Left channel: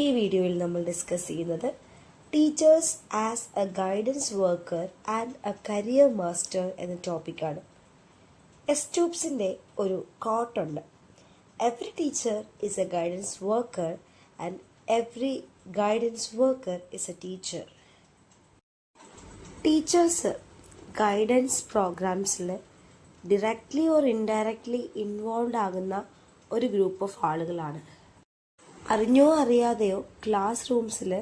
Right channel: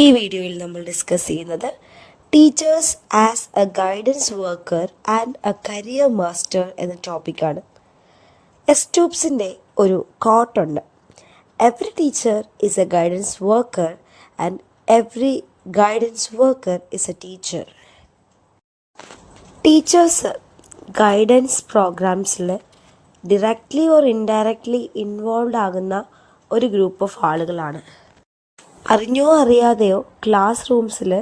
ഈ വീഡിയോയിൽ നമ്മൾ ഡിസ്കസ് ചെയ്യുന്നത് teachers as a guidance worker and a career master എന്ന ടോപ്പിക്കാണ്. എസ്റ്റൂപ്സിൻ്റെ ഒരു കോട്ടുണ്ട്. Every teacher is a guidance worker and every guidance worker is a teacher. Teachers guidance പ്രോഗ്രാംസിൽ ഡയറക്റ്റ്ലി ഓർ ഇൻഡയറക്റ്റ്ലി ഇൻവോൾവ് ആകുന്ന ഒരു ഗ്രൂപ്പ് ഓഫ് ആളുകളാണ്. അറിഞ്ഞോ അറിയാതെയോ ക്ലാസ് റൂംസിൽ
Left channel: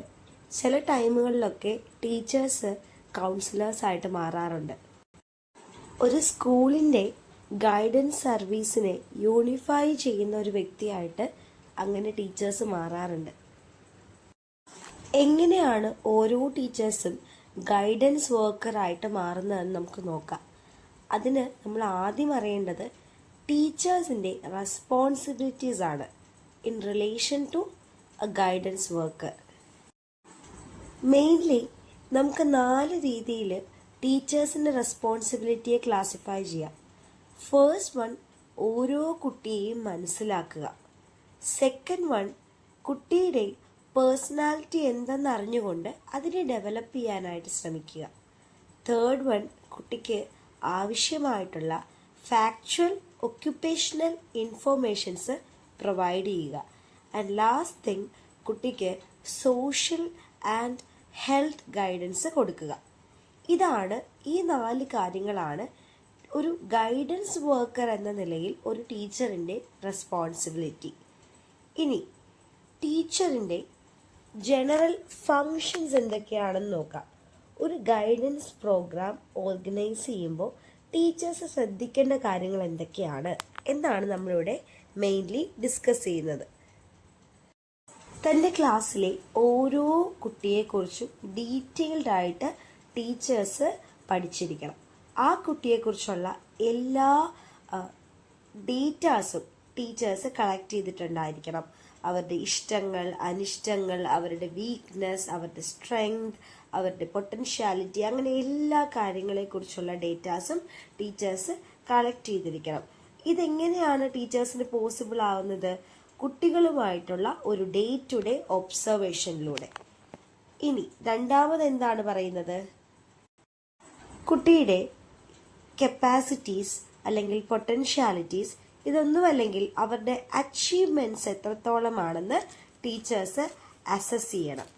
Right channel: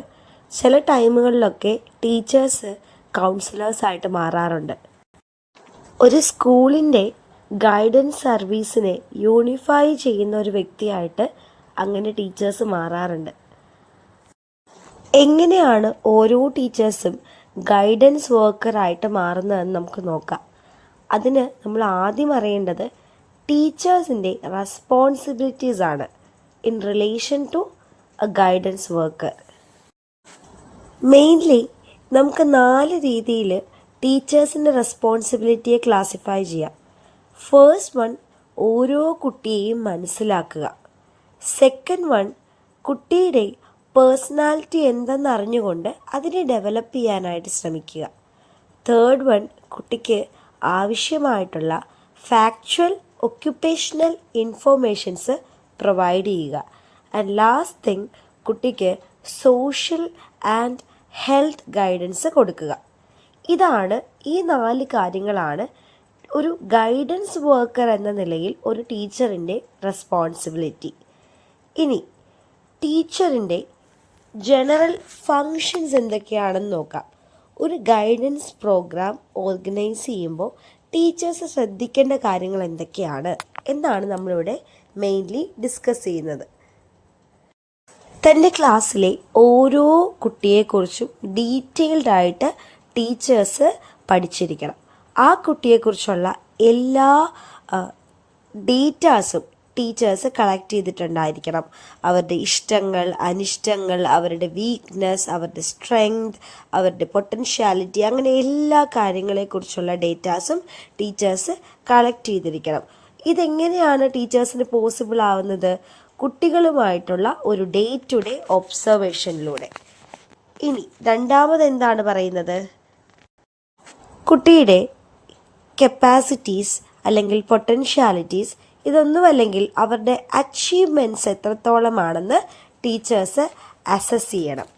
ചില ടൈമുകളിലൊക്കെ ടീച്ചേഴ്സ് കൗൺസിലേഴ്സായിട്ട് മാറാറുണ്ട്. ഒരു സ്കൂളിൻ്റെ ഗൈഡൻസ് സർവീസിനെ യൂണിഫൈ ചെയ്യുന്ന ഒരു വ്യക്തിയായിട്ട് അങ്ങനെ ടീച്ചേഴ്സ് മാറാറുണ്ട്. എങ്ങനെയാണ് ഓരോ ടീച്ചേഴ്സും ഗൈഡൻസ് വർക്കറായിട്ട് മാറുന്നതെന്ന് നമുക്ക് നോക്കാം. അതിന് നമ്മൾ ആദ്യം അറിയേണ്ടത് ടീച്ചേഴ്സിൻ്റെ റെസ്പോൺസിബിലിറ്റീസ് ആണ് in relation to a guidance worker. Mainly നമുക്ക് 4 രീതിയിൽ ടീച്ചേഴ്സിൻ്റെ റെസ്പോൺസിബിലിറ്റിയെ ക്ലാസിഫൈ ചെയ്യാം. ഫേസ്റ്റ് വൺ, ഓരോ കുട്ടിയെയും മനസ്സിലാക്കുക. സെക്കൻഡ് വൺ, കുട്ടിയുടെ പേഴ്സണാലിറ്റി എന്തെന്ന് അറിഞ്ഞുകൊണ്ട് അതിനെ ഡെവലപ്പ് ചെയ്യാനായിട്ട് ശ്രമിക്കുക. തേർഡ് വൺ, കുട്ടിക്ക് ആവശ്യമായിട്ടുള്ള ഫാക്ച്വൽ ഒക്യുപ്പേഷണൽ ഇൻഫോർമേഷൻസ് പ്രൊവൈഡ് ചെയ്യുക. ആൻഡ് ലാസ്റ്റ് തിങ്, കുട്ടിക്ക് സോഷ്യൽ ആൻഡ് ഹെൽത്ത് ഗൈഡൻസ് കൊടുക്കുക. ഇതാണ് ഈ 4 കാര്യങ്ങളാണ് ഒരു ഗൈഡൻസ് വർക്കർ എന്ന നിലയിൽ ഒരു ടീച്ചറിൻ്റെ റെസ്പോൺസിബിലിറ്റി. ഇനി ടീച്ചറിൻ്റെ ജനറൽ ഫങ്ഷൻസ് എന്തൊക്കെയാണെന്ന് നോക്കാം. ഒരു ഗൈഡൻസ് പ്രോഗ്രാം ഓർഗനൈസ് ചെയ്യുമ്പോൾ ടീച്ചേഴ്സ് ശ്രദ്ധിക്കേണ്ട കാര്യങ്ങൾ എന്തൊക്കെയാണ് എന്നാണ് നമ്മളിവിടെ മെയിൻലി ഡിസ്കസ് ചെയ്യുന്നത്. തൻ്റെ ക്ലാസ്സിലെ ഓരോ കുട്ടിയെക്കുറിച്ചും ഡീറ്റെയിൽഡ് ആയിട്ട് ടീച്ചേഴ്സ് പഠിച്ചിരിക്കണം. ആ കുട്ടിയെക്കുറിച്ചുള്ള എല്ലാ ഡേറ്റാസും ടീച്ചേഴ്സ് കളക്ട് ചെയ്തിട്ടുണ്ടായിരിക്കണം. അവരുടെ ഇഷ്ടങ്ങൾ, അനിഷ്ടങ്ങൾ, അവരുടെ വീക്ക്നെസ്, അവരുടെ സ്ട്രെങ്ത്, അവരുടെ പൊട്ടൻഷ്യാലിറ്റി, അങ്ങനെ എല്ലാ കാര്യങ്ങളെക്കുറിച്ചുള്ള ഡേറ്റാസും ടീച്ചേഴ്സ് കളക്ട് ചെയ്തിരിക്കണം. ഇതെങ്ങനെയാണ് ടീച്ചേഴ്സിന് പോസിബിൾ ആവുന്നത്? കുട്ടികളുമായിട്ടുള്ള ഒരു ഡേ ടു ഡേ ഒബ്സർവേഷനിലൂടെ. ഇനി രണ്ടാമത് എന്താണ് പറയുന്നത്? കുട്ടിയുടെ കപ്പാസിറ്റീസ് അല്ലെങ്കിൽ പൊട്ടൻഷ്യാലിറ്റീസ്, ഇതൊന്നുമല്ലെങ്കിൽ അവരുടെ അച്ചീവ്മെൻറ്റ്സ് എത്രത്തോളമാണെന്ന് ടീച്ചേഴ്സ് അസസ് ചെയ്യണം.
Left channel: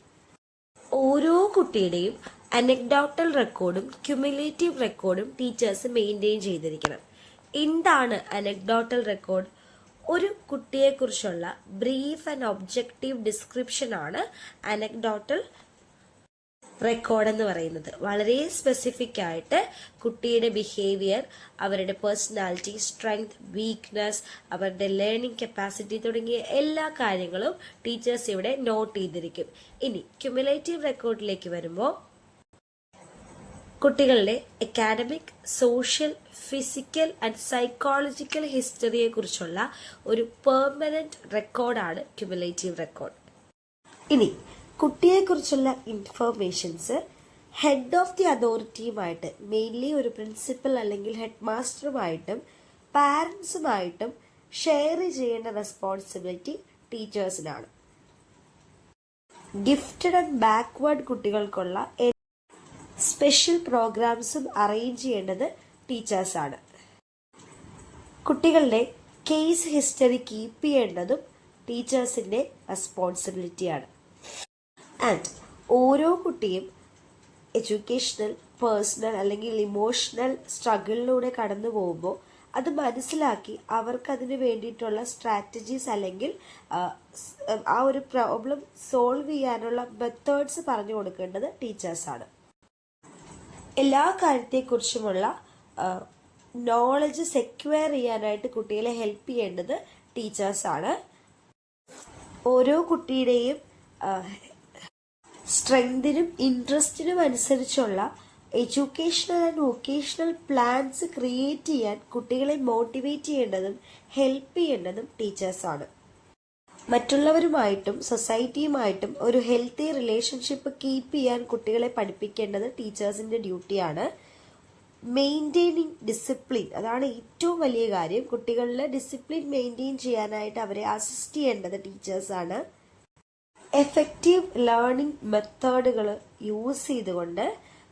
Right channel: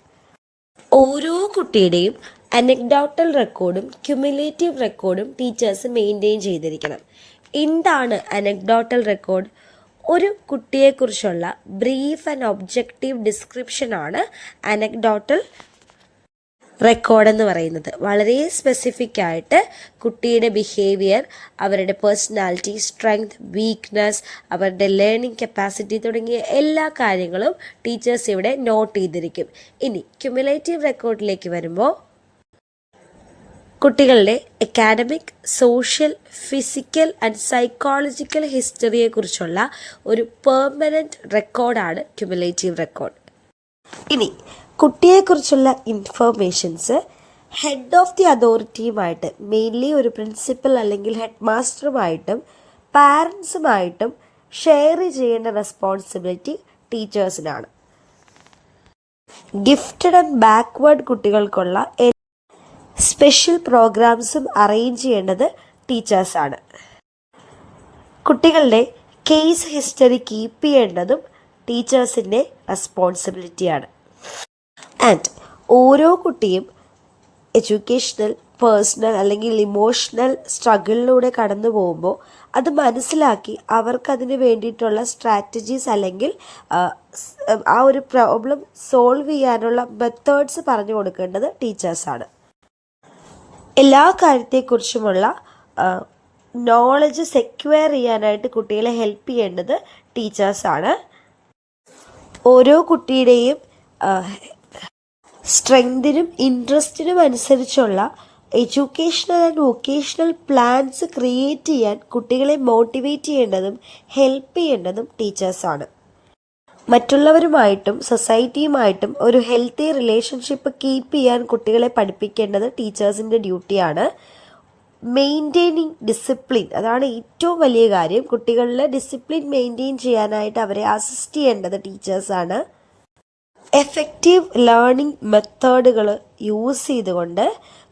ഓരോ കുട്ടിയുടെയും അനക്ഡോട്ടൽ റെക്കോർഡും ക്യുമുലേറ്റീവ് റെക്കോർഡും ടീച്ചേഴ്സ് മെയിൻറ്റെയിൻ ചെയ്തിരിക്കണം. എന്താണ് അനക്ഡോട്ടൽ റെക്കോർഡ്? ഒരു കുട്ടിയെക്കുറിച്ചുള്ള ബ്രീഫ് ആൻഡ് ഒബ്ജക്റ്റീവ് ഡിസ്ക്രിപ്ഷനാണ് അനക്ഡോട്ടൽ റെക്കോർഡ് എന്ന് പറയുന്നത്. വളരെ സ്പെസിഫിക് ആയിട്ട് കുട്ടിയുടെ ബിഹേവിയർ, അവരുടെ പേഴ്സണാലിറ്റി, സ്ട്രെങ്ത്, വീക്ക്നെസ്, അവരുടെ ലേണിംഗ് കപ്പാസിറ്റി തുടങ്ങിയ എല്ലാ കാര്യങ്ങളും ടീച്ചേഴ്സ് ഇവിടെ നോട്ട് ചെയ്തിരിക്കും. ഇനി ക്യുമുലേറ്റീവ് റെക്കോർഡിലേക്ക് വരുമ്പോൾ കുട്ടികളുടെ academic, social, physical and psychological ഹിസ്റ്ററിയെക്കുറിച്ചുള്ള ഒരു പെർമനൻറ്റ് റെക്കോർഡാണ് ക്യുമുലേറ്റീവ് റെക്കോർഡ്. ഇനി കുട്ടിയെക്കുറിച്ചുള്ള ഇൻഫർമേഷൻസ് ഹെഡ് ഓഫ് ദി അതോറിറ്റിയുമായിട്ട്, മെയിൻലി ഒരു പ്രിൻസിപ്പൽ അല്ലെങ്കിൽ ഹെഡ് മാസ്റ്ററുമായിട്ടും പാരൻസുമായിട്ടും ഷെയർ ചെയ്യേണ്ട റെസ്പോൺസിബിലിറ്റി ടീച്ചേഴ്സിനാണ്. ഗിഫ്റ്റഡ് ആൻഡ് ബാക്ക്വേർഡ് കുട്ടികൾക്കുള്ള സ്പെഷ്യൽ പ്രോഗ്രാംസും അറേഞ്ച് ചെയ്യേണ്ടത് ടീച്ചേഴ്സാണ്. കുട്ടികളുടെ കേസ് ഹിസ്റ്ററി കീപ്പ് ചെയ്യേണ്ടതും ടീച്ചേഴ്സിൻ്റെ റെസ്പോൺസിബിലിറ്റിയാണ്. ആൻഡ് ഓരോ കുട്ടിയും എഡ്യൂക്കേഷണൽ, പേഴ്സണൽ അല്ലെങ്കിൽ ഇമോഷണൽ സ്ട്രഗിളിലൂടെ കടന്നു പോകുമ്പോൾ അത് മനസ്സിലാക്കി അവർക്കതിന് വേണ്ടിയിട്ടുള്ള സ്ട്രാറ്റജീസ് അല്ലെങ്കിൽ ആ ഒരു പ്രോബ്ലം സോൾവ് ചെയ്യാനുള്ള മെത്തേഡ്സ് പറഞ്ഞു കൊടുക്കേണ്ടത് ടീച്ചേഴ്സാണ്. എല്ലാ കാര്യത്തെക്കുറിച്ചുമുള്ള നോളജ് സെക്വയർ ചെയ്യാനായിട്ട് കുട്ടികളെ ഹെൽപ്പ് ചെയ്യേണ്ടത് ടീച്ചേഴ്സാണ്. ഓരോ കുട്ടിയുടെയും സ്ട്രെങ്തിനും ഇൻട്രസ്റ്റിനും അനുസരിച്ചുള്ള educational and vocational plans create ചെയ്യാൻ കുട്ടികളെ മോട്ടിവേറ്റ് ചെയ്യേണ്ടതും ഹെൽപ്പ് ചെയ്യേണ്ടതും ടീച്ചേഴ്സാണ്. മറ്റുള്ളവരുമായിട്ടും സൊസൈറ്റിയുമായിട്ടും ഒരു ഹെൽത്തി റിലേഷൻഷിപ്പ് കീപ്പ് ചെയ്യാൻ കുട്ടികളെ പഠിപ്പിക്കേണ്ടത് ടീച്ചേഴ്സിൻ്റെ ഡ്യൂട്ടിയാണ്. മെയിൻറ്റെയിനിങ് ഡിസിപ്ലിൻ, അതാണ് ഏറ്റവും വലിയ കാര്യം. കുട്ടികളിലെ ഡിസിപ്ലിൻ മെയിൻറ്റെയിൻ ചെയ്യാനായിട്ട് അവരെ അസിസ്റ്റ് ചെയ്യേണ്ടത് ടീച്ചേഴ്സാണ്. എഫക്റ്റീവ് ലേണിംഗ് മെത്തേഡുകൾ യൂസ് ചെയ്തുകൊണ്ട്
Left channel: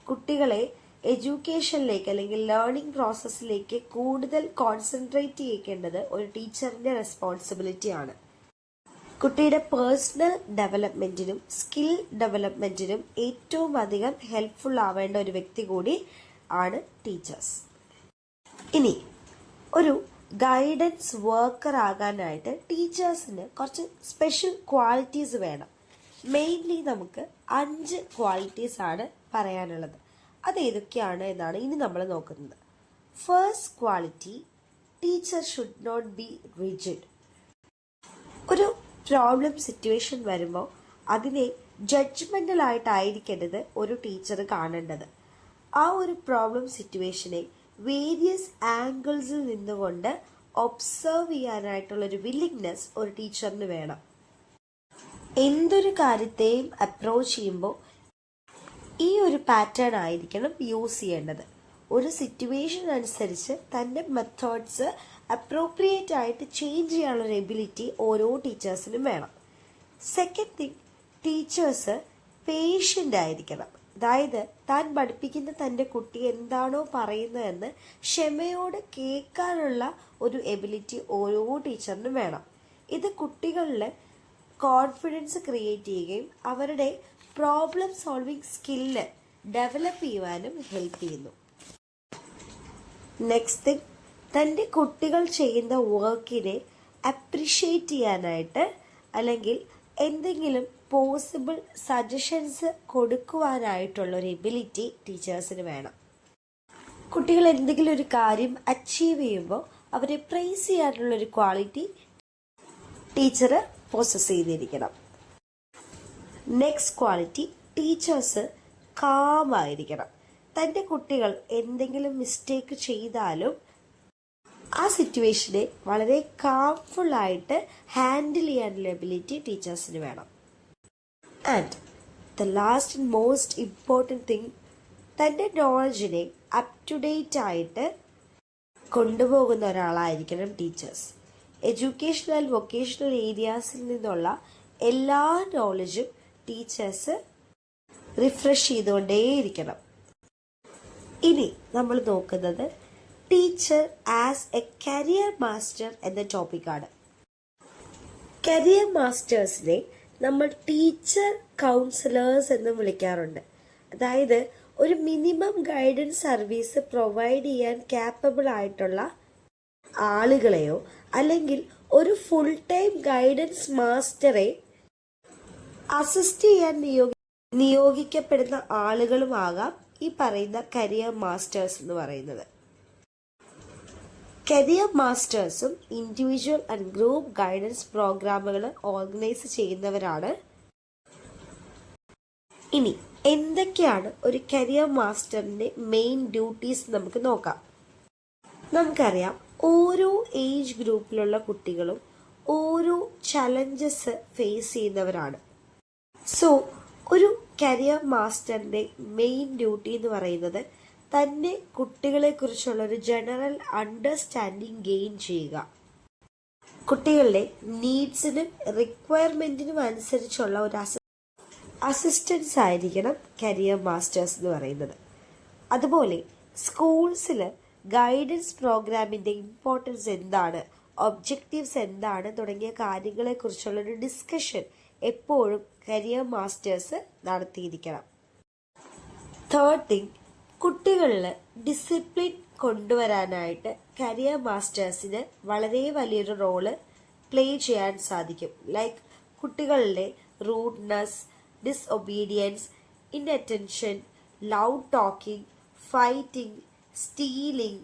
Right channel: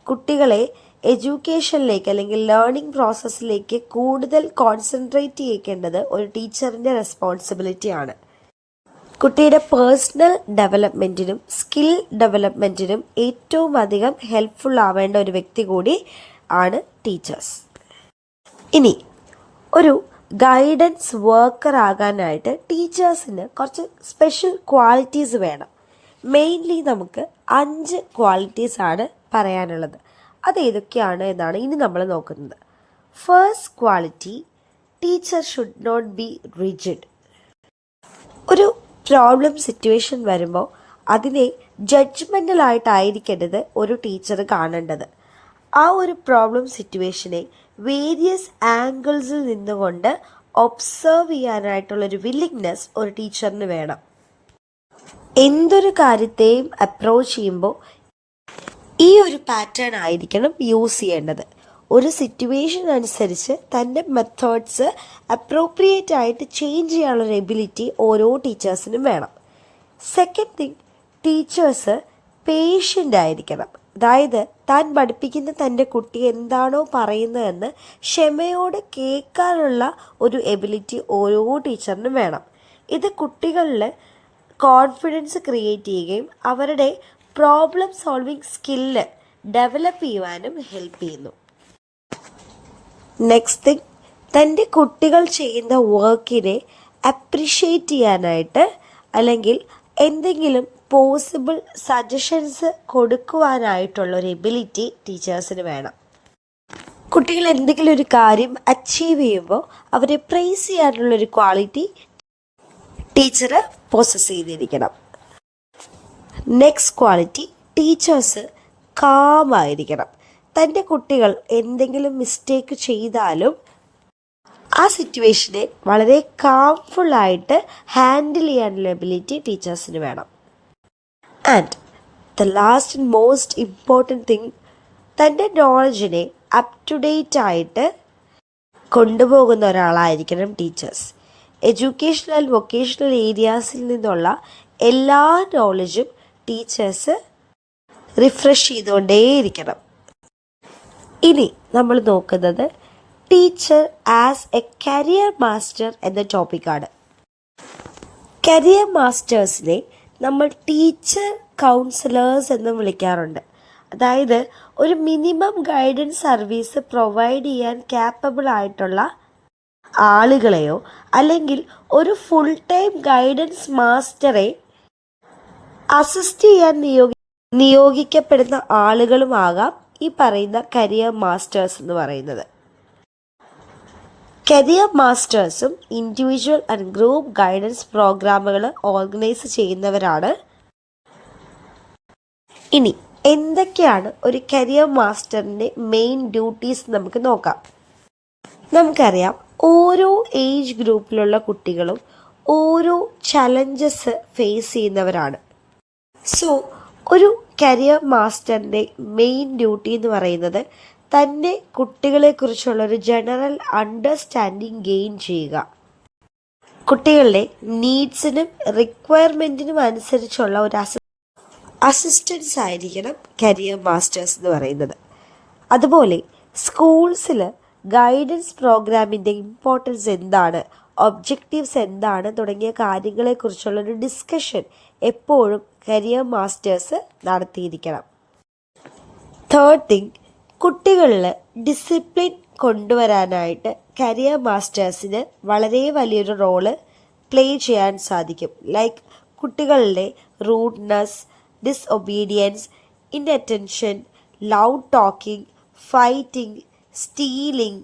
കുട്ടികളെ എഡ്യൂക്കേഷനിലേക്ക് അല്ലെങ്കിൽ ലേണിംഗ് പ്രോസസ്സിലേക്ക് കൂടുതൽ കോൺസെൻട്രേറ്റ് ചെയ്യിക്കേണ്ടത് ഒരു ടീച്ചറിൻ്റെ റെസ്പോൺസിബിലിറ്റിയാണ്. കുട്ടിയുടെ പേഴ്സണൽ ഡെവലപ്മെൻറ്റിനും സ്കിൽ ഡെവലപ്മെൻറ്റിനും ഏറ്റവും അധികം ഹെൽപ്ഫുൾ ആവേണ്ട ഒരു വ്യക്തി കൂടി ആണ് ടീച്ചേഴ്സ്. ഇനി ഒരു ഗൈഡൻസ് വർക്കർ ആകാനായിട്ട് ടീച്ചേഴ്സിന് കുറച്ച് സ്പെഷ്യൽ ക്വാളിറ്റീസ് വേണം. മെയിൻലി നമുക്ക് 5 ക്വാളിറ്റീസ് ആണ് പറയാനുള്ളത്. അത് ഏതൊക്കെയാണ് എന്നാണ് ഇനി നമ്മൾ നോക്കുന്നത്. First quality, teacher should not be rigid. ഒരു പ്രോബ്ലം സിറ്റുവേഷൻ വരുമ്പോൾ അതിനെ ജഡ്ജ്മെൻ്റലായിട്ടായിരിക്കേണ്ടത് ഒരു ടീച്ചർ കാണേണ്ടത്. ആ ഒരു പ്രോബ്ലം സിറ്റുവേഷനെ വേരിയസ് ആംഗിൾസിൽ നിന്നുകൊണ്ട് ഒബ്സർവ് ചെയ്യാനായിട്ടുള്ളൊരു വില്ലിങ്നെസ് ഒരു ടീച്ചറിന് വേണം. എന്തൊരു കാര്യത്തെയും അപ്രോച്ച് ചെയ്യുമ്പോൾ ഈ ഒരു പാറ്റേൺ ആയിരിക്കണം യൂസ് ചെയ്യേണ്ടത്. ഒരു സിറ്റുവേഷൻ അനുസരിച്ച് തൻ്റെ മെത്തേഡ്സ് അപ്രോപ്രിയേറ്റ് ആയിട്ട് ചേഞ്ച് ചെയ്യാനുള്ളൊരു എബിലിറ്റി ഓരോ ടീച്ചേഴ്സിനും വേണം. സെക്കൻഡ് തിങ്, ടീച്ചേഴ്സ് പേഷ്യൻ്റ് ആയിരിക്കണം. അതായത് താൻ പഠിപ്പിക്കുന്ന തൻ്റെ കുട്ടി എന്താണോ പറയുന്നതെന്ന് ക്ഷമയോടെ കേൾക്കാനുള്ള ഒരു എബിലിറ്റി ഓരോ ടീച്ചറിനും വേണം. ഇത് കുട്ടികളിൽ കോൺഫിഡൻസ് ക്രിയേറ്റ് ചെയ്യുകയും അവരുടെ പ്രോബ്ലം സോൾവിങ് സ്കില്ല് ഡെവലപ്പ് ചെയ്യുവാനും ഹെൽപ്പ് ചെയ്യുന്നു. നെക്സ്റ്റ് തിങ്, തൻ്റെ കുട്ടികൾ ചെയ്യുന്ന വർക്കിനെ അപ്രിഷ്യേറ്റ് ചെയ്യാനായിട്ട് അല്ലെങ്കിൽ എന്തെങ്കിലും പോസിബിൾ സജഷൻസ് കൊടുക്കുവാനായിട്ടുള്ളൊരു എബിലിറ്റി ടീച്ചേഴ്സിന് വേണം. കുട്ടികൾ എന്തെങ്കിലും ഒരു കാര്യം അച്ചീവ് ചെയ്യുമ്പോൾ അവരെ പ്രൈസ് ചെയ്യാനുള്ളൊരു ക്വാളിറ്റി ടീച്ചർ പോസസ് ചെയ്തിരിക്കണം. നെക്സ്റ്റ് ക്വാളിറ്റി, ടീച്ചേഴ്സ് കാമായിരിക്കണം. തൻ്റെ കുട്ടികൾ എന്തെങ്കിലും മിസ്റ്റേക്ക് ചെയ്താലും ആ സിറ്റുവേഷനെ വളരെ കാംഫുള്ളായിട്ട് ഹാൻഡിൽ ചെയ്യാനുള്ള എബിലിറ്റി ടീച്ചേഴ്സിന് വേണം. And the last and most important thing, തൻ്റെ നോളജിനെ അപ് ടു ഡേറ്റ് ആയിട്ട് കൊണ്ടുപോകുന്ന ഒരാളായിരിക്കണം ടീച്ചേഴ്സ്. എഡ്യൂക്കേഷണൽ വൊക്കേഷണൽ ഏരിയാസിൽ നിന്നുള്ള എല്ലാ നോളജും ടീച്ചേഴ്സ് റിഫ്രഷ് ചെയ്തുകൊണ്ടേയിരിക്കണം. ഇനി നമ്മൾ നോക്കുന്നത് teacher as A career master എന്ന ടോപ്പിക്കാണ്. കരിയർ മാസ്റ്റേഴ്സിനെ നമ്മൾ ടീച്ചർ കൗൺസിലേഴ്സ് എന്ന് വിളിക്കാറുണ്ട്. അതായത് ഒരു മിനിമം ഗൈഡൻസ് സർവീസ് പ്രൊവൈഡ് ചെയ്യാൻ ക്യാപ്പബിൾ ആയിട്ടുള്ള ആളുകളെയോ അല്ലെങ്കിൽ ഒരു ഫുൾ ടൈം ഗൈഡൻസ് മാസ്റ്ററെ അസിസ്റ്റ് ചെയ്യാൻ നിയോഗിക്കപ്പെടുന്ന ആളുകളുമാകാം ഈ പറയുന്ന കരിയർ മാസ്റ്റേഴ്സ് എന്ന് പറയുന്നത്. കരിയർ മാസ്റ്റേഴ്സും ഇൻഡിവിജ്വൽ ആൻഡ് ഗ്രൂപ്പ് ഗൈഡൻസ് പ്രോഗ്രാമുകൾ ഓർഗനൈസ് ചെയ്യുന്നവരാണ്. ഇനി എന്തൊക്കെയാണ് ഒരു കരിയർ മാസ്റ്ററിൻ്റെ മെയിൻ ഡ്യൂട്ടീസ് നമുക്ക് നോക്കാം. നമുക്കറിയാം, ഓരോ ഏജ് ഗ്രൂപ്പിലുള്ള കുട്ടികളും ഓരോ ചലഞ്ചസ് ഫേസ് ചെയ്യുന്നവരാണ്. സോ ഒരു കരിയർ മാസ്റ്ററിൻ്റെ മെയിൻ ഡ്യൂട്ടി എന്ന് പറയുന്നത് തൻ്റെ കുട്ടികളെക്കുറിച്ചുള്ളൊരു ജനറൽ അണ്ടർസ്റ്റാൻഡിങ് ഗെയിൻ ചെയ്യുക. കുട്ടികളുടെ നീഡ്സിനും റിക്വയർമെൻറ്റിനും അനുസരിച്ചുള്ള ഒരു അസിസ്റ്റൻസ് ആയിരിക്കണം കരിയർ മാസ്റ്റേഴ്സ് എന്ന് പറയുന്നത്. അതുപോലെ സ്കൂൾസിൽ ഗൈഡൻസ് പ്രോഗ്രാമിൻ്റെ ഇമ്പോർട്ടൻസ് എന്താണ്, ഒബ്ജക്റ്റീവ്സ് എന്താണ് തുടങ്ങിയ കാര്യങ്ങളെക്കുറിച്ചുള്ളൊരു ഡിസ്കഷൻ എപ്പോഴും കരിയർ മാസ്റ്റേഴ്സ് നടത്തിയിരിക്കണം. തേർഡ് തിങ്, കുട്ടികളിൽ ഡിസിപ്ലിൻ കൊണ്ടുവരാനായിട്ട് കരിയർ മാസ്റ്റേഴ്സിന് വളരെ വലിയൊരു റോള് പ്ലേ ചെയ്യാൻ സാധിക്കും. ലൈക്ക് കുട്ടികളിലെ rudeness, disobedience, inattention, loud talking, fighting, stealing,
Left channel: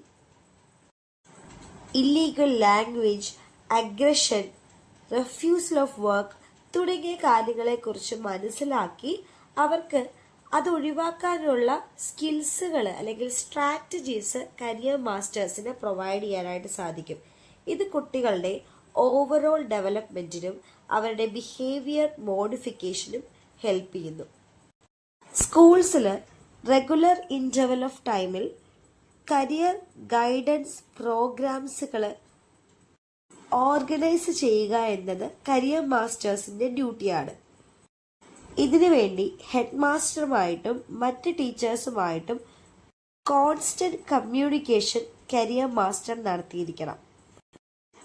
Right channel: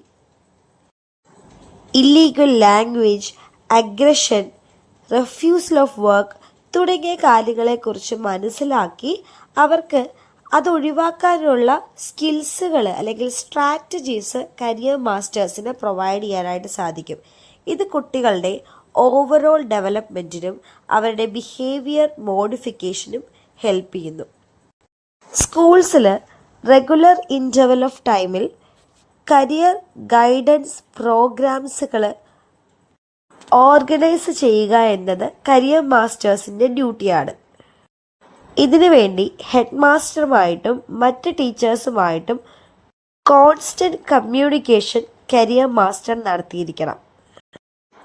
illegal language, aggression, refusal of work തുടങ്ങിയ കാര്യങ്ങളെക്കുറിച്ച് മനസ്സിലാക്കി അവർക്ക് അതൊഴിവാക്കാനുള്ള സ്കിൽസുകൾ അല്ലെങ്കിൽ സ്ട്രാറ്റജീസ് കരിയർ മാസ്റ്റേഴ്സിന് പ്രൊവൈഡ് ചെയ്യാനായിട്ട് സാധിക്കും. ഇത് കുട്ടികളുടെ ഓവറോൾ ഡെവലപ്മെൻറ്റിനും അവരുടെ ബിഹേവിയർ മോഡിഫിക്കേഷനും ഹെൽപ്പ് ചെയ്യുന്നു. സ്കൂൾസിൽ റെഗുലർ ഇൻ്റർവൽ ഓഫ് ടൈമിൽ കരിയർ ഗൈഡൻസ് പ്രോഗ്രാംസുകൾ ഓർഗനൈസ് ചെയ്യുക എന്നത് കരിയർ മാസ്റ്റേഴ്സിൻ്റെ ഡ്യൂട്ടിയാണ്. ഇതിനു വേണ്ടി ഹെഡ് മാസ്റ്ററുമായിട്ടും മറ്റ് ടീച്ചേഴ്സുമായിട്ടും കോൺസ്റ്റൻറ്റ് കമ്മ്യൂണിക്കേഷൻ കരിയർ മാസ്റ്റർ നടത്തിയിരിക്കണം.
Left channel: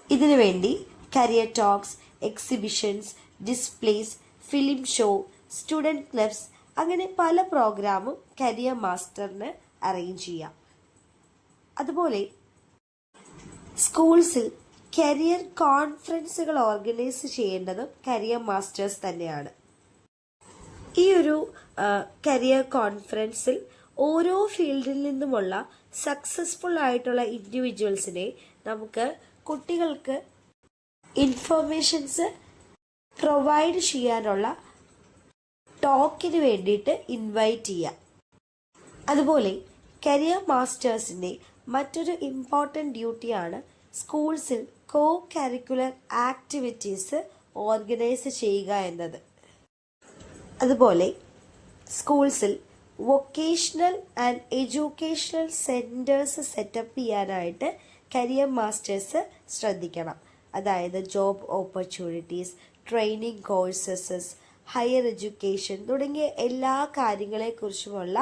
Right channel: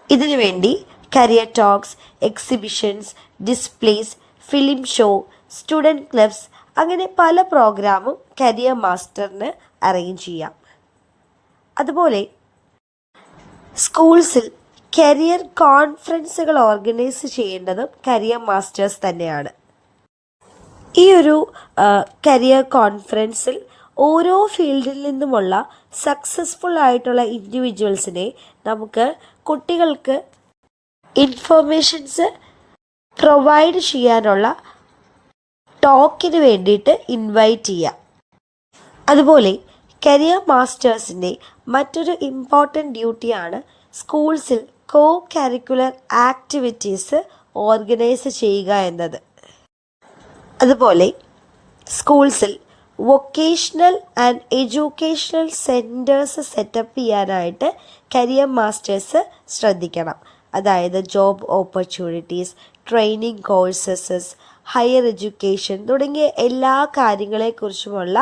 ഇതിനു വേണ്ടി career talks, exhibitions, displays, film show, student clubs അങ്ങനെ പല പ്രോഗ്രാമും കരിയർ മാസ്റ്ററിന് അറേഞ്ച് ചെയ്യാം. അതുപോലെ സ്കൂൾസിൽ കരിയർ കോൺഫറൻസുകൾ ഓർഗനൈസ് ചെയ്യേണ്ടതും കരിയർ മാസ്റ്റേഴ്സ് തന്നെയാണ്. ഈ ഒരു കരിയർ കോൺഫറൻസിൽ ഓരോ ഫീൽഡിൽ നിന്നുമുള്ള സക്സസ്ഫുൾ ആയിട്ടുള്ള ഇൻഡിവിജ്വൽസിനെ നമുക്ക് കുട്ടികൾക്ക് ഇൻഫർമേഷൻസ് പ്രൊവൈഡ് ചെയ്യാനുള്ള ടോക്കിന് വേണ്ടിയിട്ട് ഇൻവൈറ്റ് ചെയ്യാം. അതുപോലെ കരിയർ മാസ്റ്റേഴ്സിൻ്റെ മറ്റൊരു ഇമ്പോർട്ടൻ്റ് ഡ്യൂട്ടിയാണ് സ്കൂൾസിൽ കോ കരിക്കുലർ ആക്ടിവിറ്റീസ് ഓർഗനൈസ് ചെയ്യുക എന്നത്. അതുപോലെ സ്കൂൾസിൽ vocational and educational centres set up ചെയ്യാനായിട്ട് കരിയർ മാസ്റ്റേഴ്സ് ശ്രദ്ധിക്കണം. അതായത് job opportunities, training courses, higher education തുടങ്ങിയ എല്ലാ കാര്യങ്ങളെക്കുറിച്ചുമുള്ള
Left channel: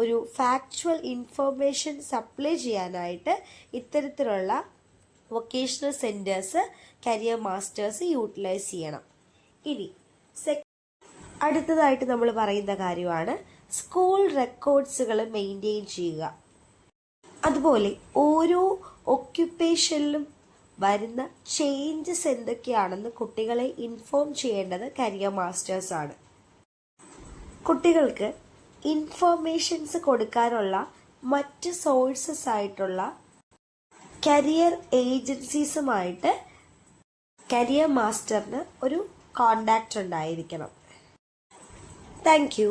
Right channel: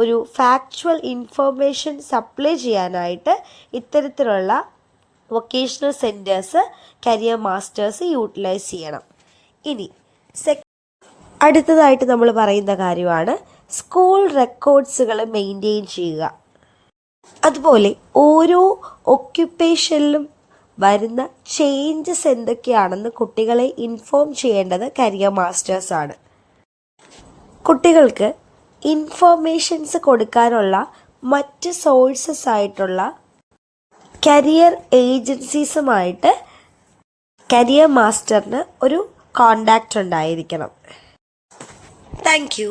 ഒരു ഫാക്ച്വൽ ഇൻഫർമേഷൻ സപ്ലൈ ചെയ്യാനായിട്ട് ഇത്തരത്തിലുള്ള vocational centres career masters utilise ചെയ്യണം. ഇനി അടുത്തതായിട്ട് നമ്മൾ പറയുന്ന കാര്യമാണ് സ്കൂൾ റെക്കോർഡ്സുകൾ മെയിൻറ്റെയിൻ ചെയ്യുക. അതുപോലെ ഓരോ ഒക്യുപ്പേഷനിലും വരുന്ന ചേഞ്ചസ് എന്തൊക്കെയാണെന്ന് കുട്ടികളെ ഇൻഫോം ചെയ്യേണ്ടത് കരിയർ മാസ്റ്റേഴ്സാണ്. കുട്ടികൾക്ക് ഇൻഫർമേഷൻസ് കൊടുക്കാനുള്ള മറ്റ് സോഴ്സസ് ആയിട്ടുള്ള കരിയർ ഏജൻസീസുമായിട്ട് കരിയർ മാസ്റ്ററിന് ഒരു കോണ്ടാക്റ്റ് ഉണ്ടായിരിക്കണം. Thank you.